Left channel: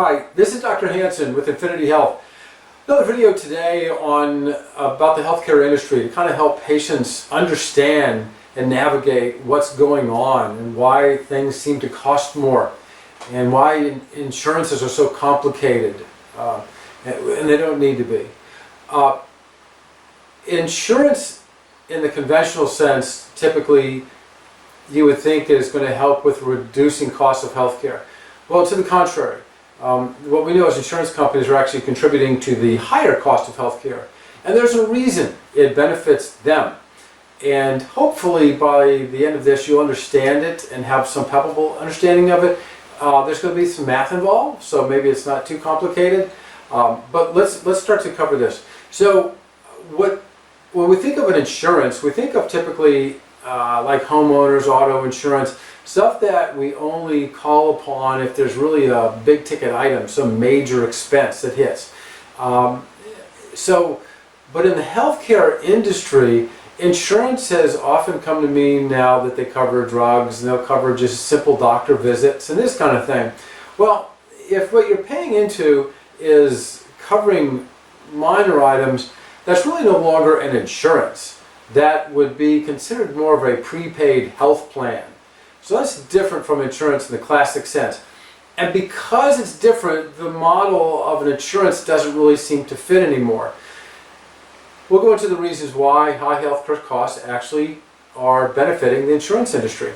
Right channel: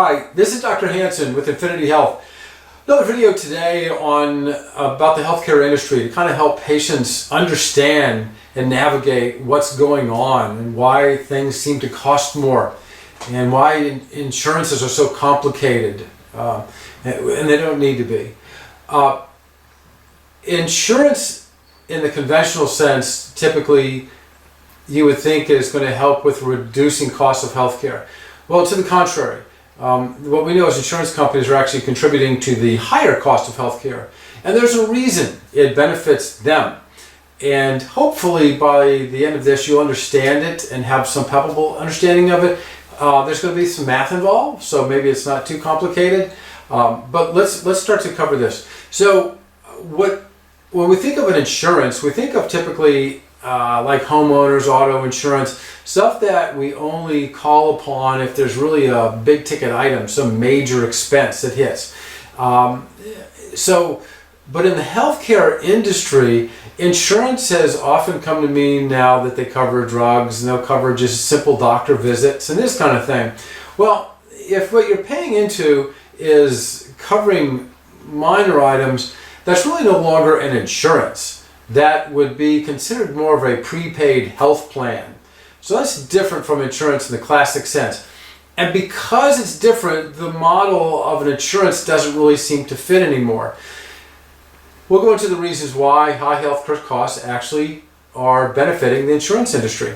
Hi, this is Dr. Hanson with Infinity Health. Another video today on about the healthcare industry to kind of help patients understand and navigate what's going on and why things seem to cost more and why insurances are so complicated and they don't need to be. Insurance in the conventional sense typically you would think is going to help with reducing costs of healthcare. Well, to the contrary. What we know is insurance companies are actually contributing to the higher cost of healthcare. And there's a reason it benefits them. And hopefully by the end of this you'll understand it and have some palpable understanding of it. There's going to be some math involved, so maybe it's not too complicated. But let's start to cover this. So when we think of an insurance, we think of typically like homeowners, auto insurance, stuff that we only call upon if there's really a big ticket item, some major expense that hits. But in the healthcare industry, insurance has often come to mean now that they cover drugs and they'll cover just simple doctor visits and this kind of thing. Well, if what you're paying into is covering minor items, that's really no longer an insurance. That would be considered more of a prepaid health plan. So that's different from insurance in the classic sense. And because it's different, the model of an insurance doesn't really seem to fit anymore. We'll go into the reasons why high healthcare costs actually are benefiting the insurance industry.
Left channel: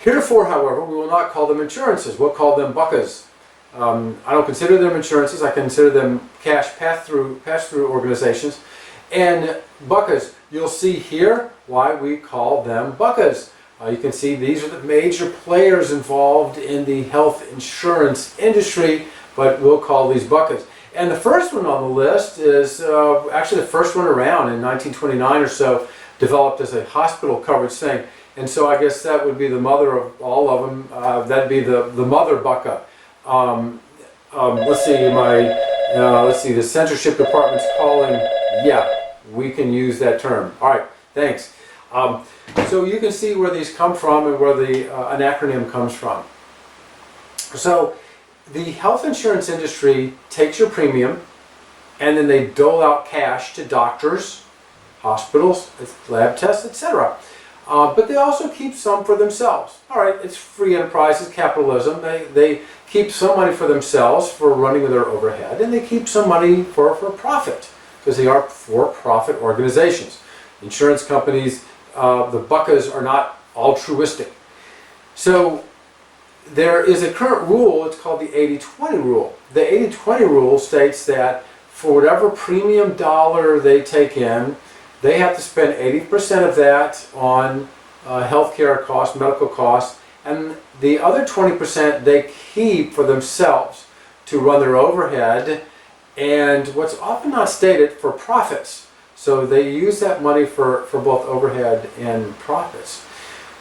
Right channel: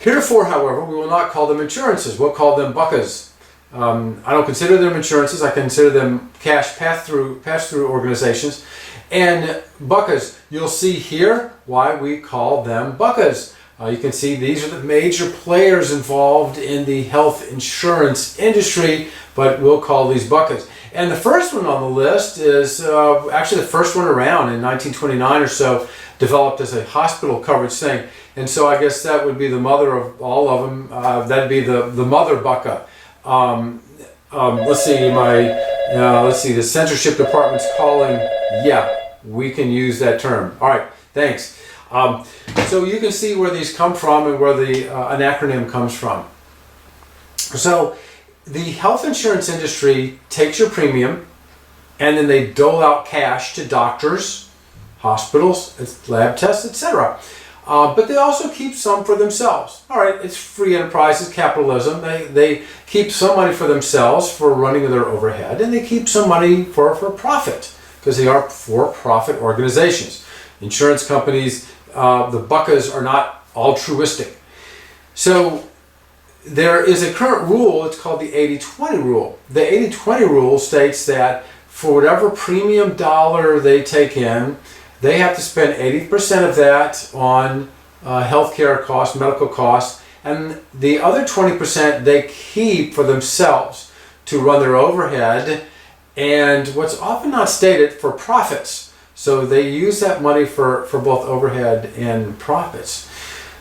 Heretofore, however, we will not call them insurances. We'll call them BUCCAs. I don't consider them insurances. I consider them cash pass-through organizations. And BUCCAs, you'll see here why we call them BUCCAs. You can see these are the major players involved in the health insurance industry, but we'll call these BUCCAs. And the first one on the list is actually the first one around in 1929 or so, developed as a hospital coverage thing. And so I guess that would be the mother of all of them. That'd be the mother BUCCA. Let's see, the censorship department's calling. Yeah, we can use that term. All right, thanks. So you can see where these come from and where an acronym comes from. So the health insurance industry takes your premium and then they dole out cash to doctors, hospitals, lab tests, etc. But they also keep some for themselves. All right, it's free enterprise, it's capitalism. They keep some money for themselves for running their overhead, and they keep some money for profit because they are for-profit organizations. Insurance companies, the BUCCAs are not altruistic. So there is a current rule, it's called the 80-20 rule. The 80-20 rule states that for whatever premium dollar they take in, they have to spend 80% of that on healthcare costs, medical costs, and the other 20% they keep for themselves to run their overhead and what's often not stated, for profits. So they use that money for both overhead and profits.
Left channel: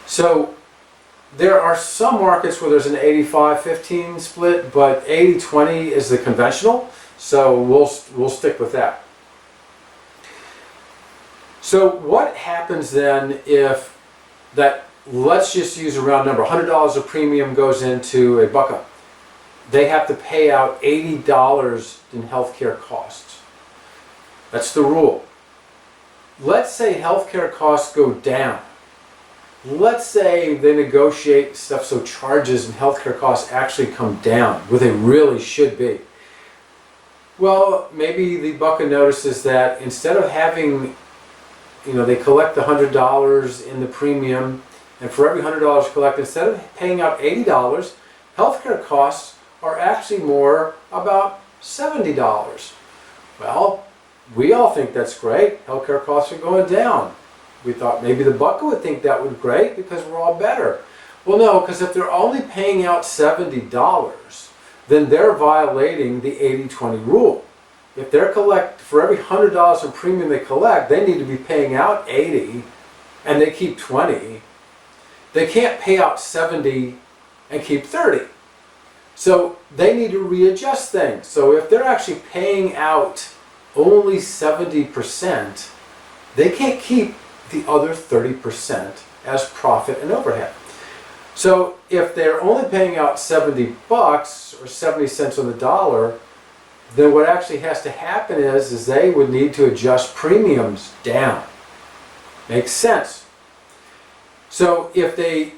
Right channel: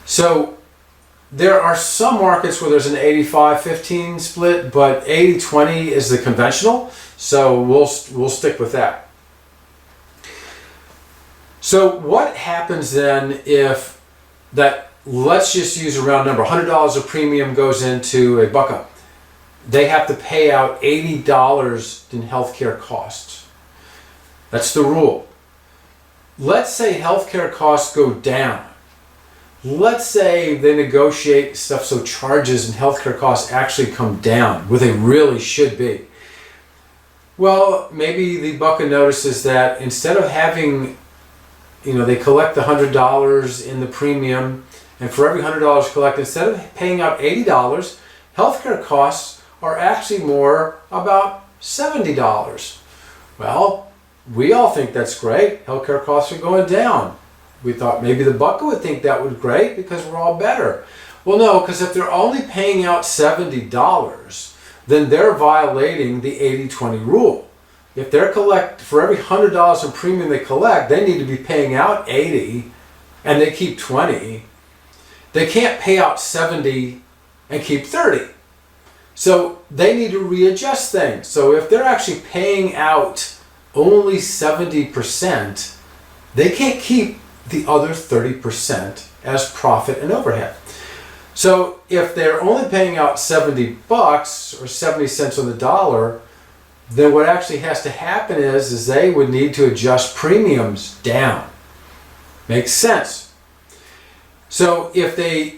So there are some markets where there's an 85-15 split, but 80-20 is the conventional, so we'll stick with that. So what happens then if that, let's just use a round number, $100 of premium goes into a BUCCA. They have to pay out $80 in healthcare costs. That's the rule. Let's say healthcare costs go down. Let's say they negotiate stuff so charges and healthcare costs actually come down, where they really should be. Well, maybe the BUCCA notices that instead of having, they collect the $100 in the premium, and for every $100 collected, instead of paying out $80, healthcare costs are actually more about $70. Well, we all think that's great. Healthcare costs are going down. We thought maybe the BUCCA would think that would be great because we're all better. Well, no, because if they're only paying out $70, then they're violating the 80-20 rule. If they're for every $100 in premium they collect, they need to be paying out $80 and they keep $20. They can't pay out $70 and keep $30. So they need to readjust things. So if they're actually paying out only 70%, they can't keep the other 30% as profit and overhead. So if they're only paying out $70 or 70 cents on the dollar, then what actually has to happen is they would need to adjust premiums down. Makes sense. So if they're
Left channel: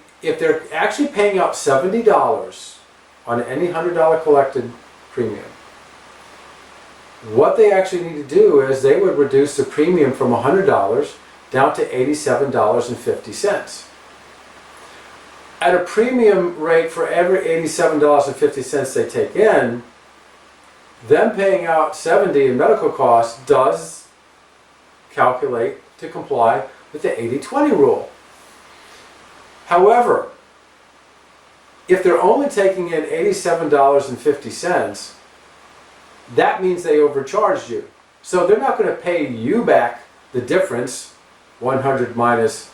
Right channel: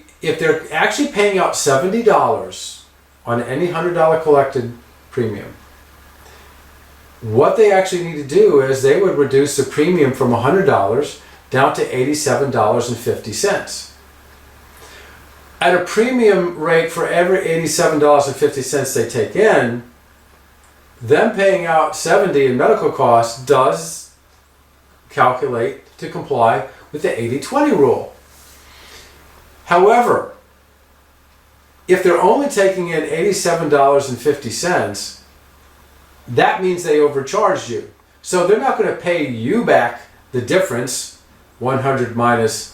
actually paying out $70 on any $100 collected premium, what they actually need to do is they would reduce the premium from $100 down to $87.50. At a premium rate for every $87.50 they take in, them paying out $70 in medical costs does calculate to comply with the 80-20 rule. However, if they're only taking in $87.50, that means they overcharged you. So they're not going to pay you back the difference. 100 minus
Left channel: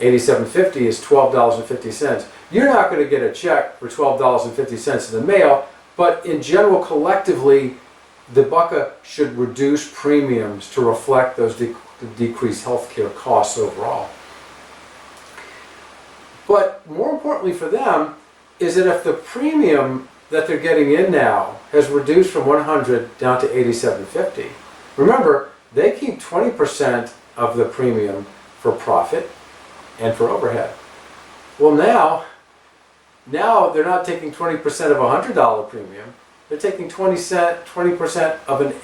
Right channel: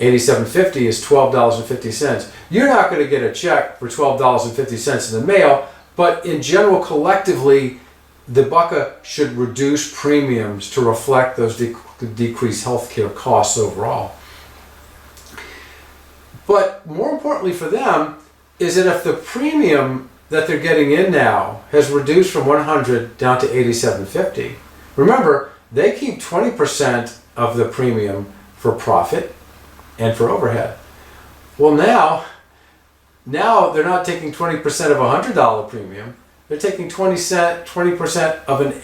87.50 is $12.50. You're not going to get a check for $12.50 in the mail, but in general, collectively, the BUCA should reduce premiums to reflect those decreased healthcare costs overall. But more importantly for them is that if the premium that they're getting in now has reduced from 100 down to 87.50, remember, they keep 20% of the premium for profit and for overhead. Well, now they're not taking 20% of a $100 premium. They're taking 20% of an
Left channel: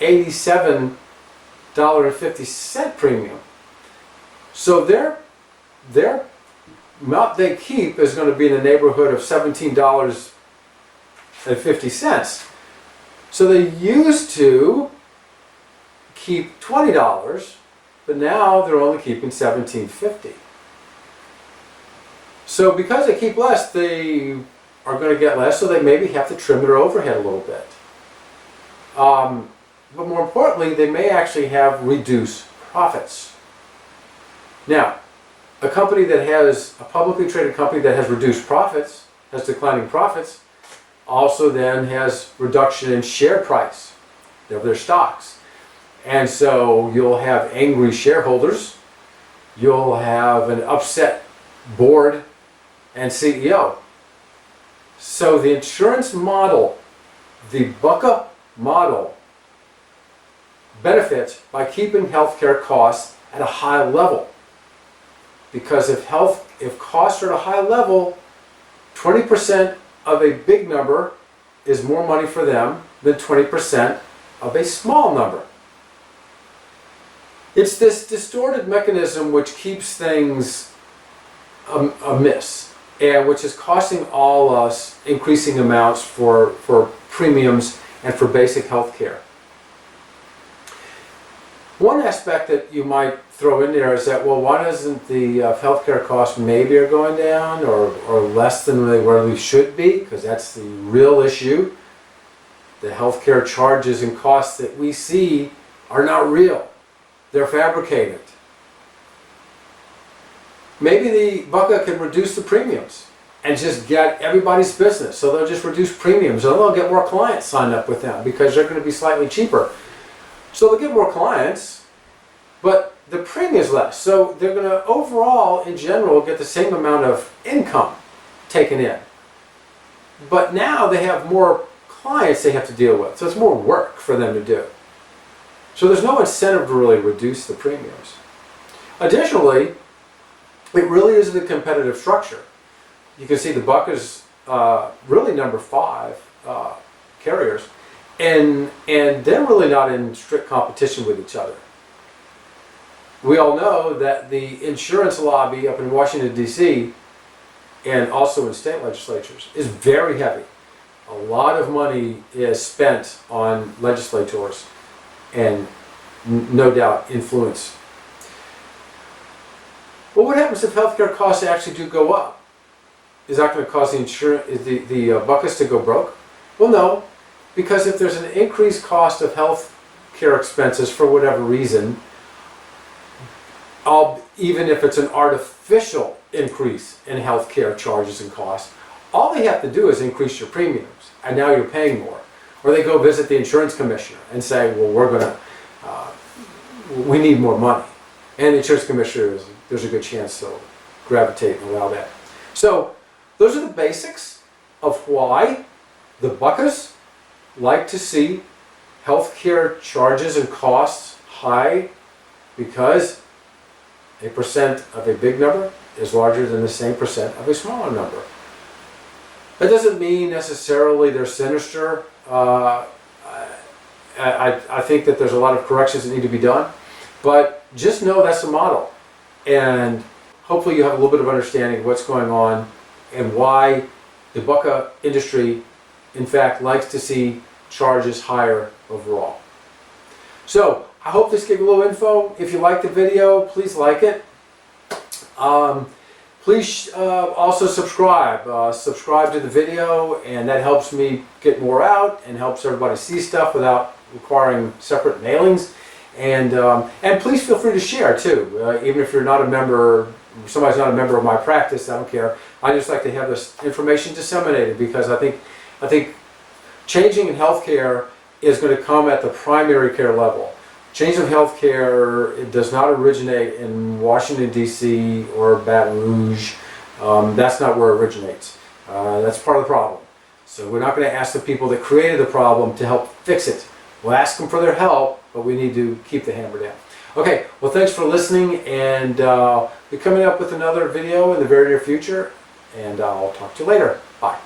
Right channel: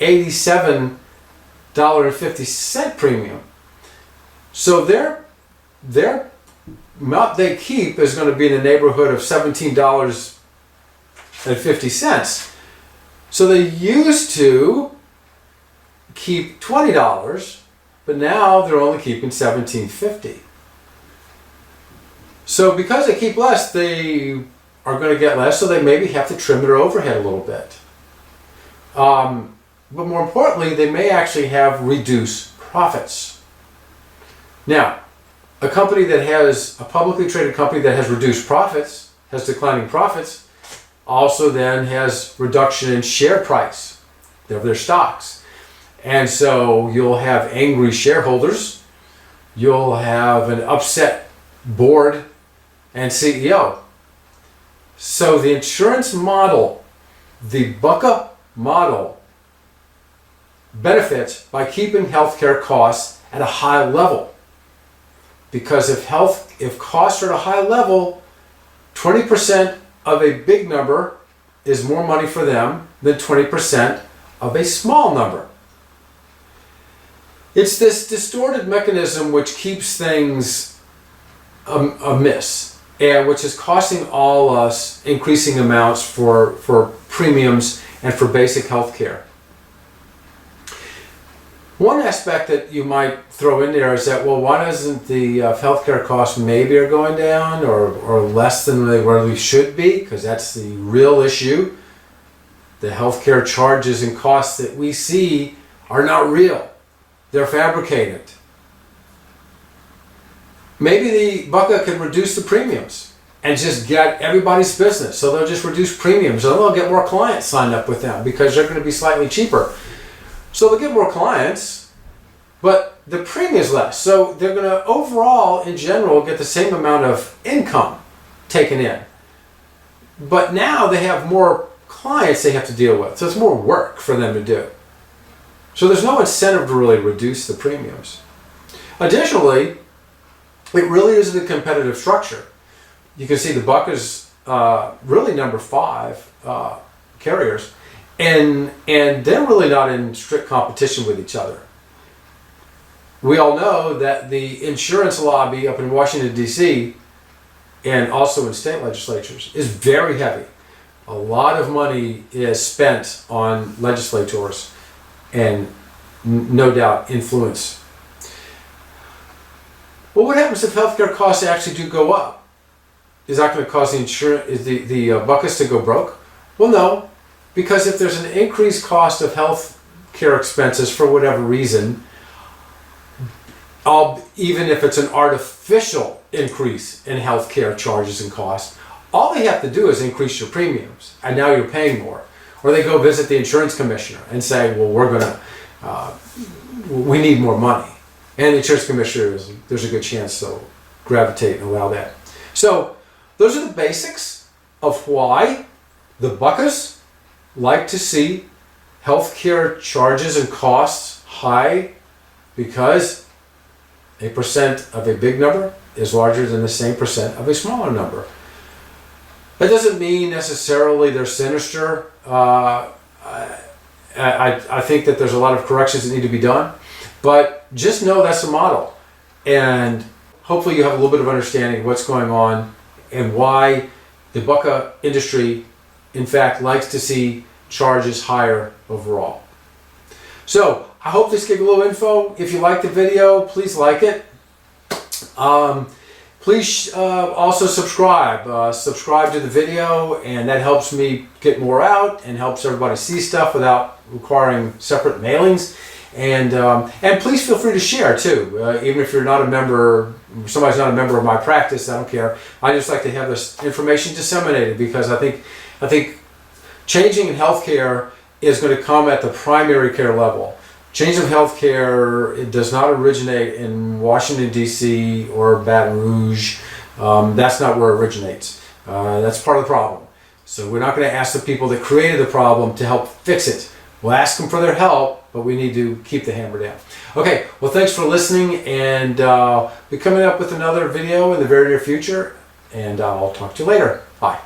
$87.50 premium. So their amount they keep is going to be in the neighborhood of $17.50. So they used to keep $20, but now they're only keeping $17.50. So because they keep less, they are going to get less, so they maybe have to trim their overhead a little bit. But more importantly, they may actually have reduced profits. Now, a publicly traded company that has reduced profits, has declining profits, also then has reduction in share price of their stocks. And so you'll have angry shareholders, you'll have an upset board and CEO. So the insurance model, the BUCA model, benefits by keeping healthcare costs at a high level. Because if costs are at a high level, 20% of a big number is more money for them than 20% of a small number. It's this distorted mechanism which keeps things amiss, and which is costing all us increasing amounts for premiums and for basic health care. One aspect that you might throw in there is that, well, why doesn't the healthcare costs maybe are going down or less than they really should be? Because that's the real issue. The healthcare charges and costs that we see are not real. They're fabricated. Maybe the BUCA can reduce the premiums and just get everybody's business. So they'll just reduce premiums and they'll get more clients signed up with them because they're going to be slightly cheaper. So they'll get more clients, but the premium is less. So they're going to overall, in general, get the same amount of income taken in. But now they have more clients they have to deal with. So it's more work for them to do. So there's no incentive to really reduce the premiums. Additionally, it really isn't a competitive structure. You can see the BUCA's really number 5 carriers. And they're really not in strict competition with each other. We all know that the insurance lobby up in Washington, D.C., and also in state legislatures, is very heavy. A lot of money is spent on legislators and no doubt influence. Well, what happens if healthcare costs actually do go up? Is that going to cause the BUCAs to go broke? Well, no. Because if there's an increased cost of health care expenses for whatever reason, even if it's an artificial increase in health care charges and costs, all they have to do is increase your premiums, and now you're paying more. Or they go visit the insurance commissioner and say, well, we need more money. And the insurance commissioner, there's a good chance they'll gravitate and allow that. So those are the basics of why the Buccas like to see healthcare charges and costs high, because a percent of a big number is larger than the same percent of a smaller number. That doesn't mean necessarily they're sinister. I think that there's a lot of corrections that need to be done, but just know that's the model. And hopefully you have a little bit of understanding of what's going on and why the Bucca industry, in fact, likes to see charges higher overall. So I hope this gave you a little info. If you liked the video, please like it. Please also subscribe. Subscribe to the video, and that helps me get more out and helps everybody see stuff without requiring separate mailings. And please feel free to share too. Even if you're not a member, somebody's not a member of my practice, I don't care. I just like to have this information disseminated, because I think changing in healthcare is going to come at the primary care level. Change of healthcare, it does not originate in Washington, D.C. or Baton Rouge. That's not where it originates. That's part of the problem. So we're not going to ask the people that created the problem to help fix it. We'll ask them for their help, but we need to keep the hammer down. Okay, well, thanks for listening, and we'll be coming up with another video in the very near future, and I'll talk to you later. Bye.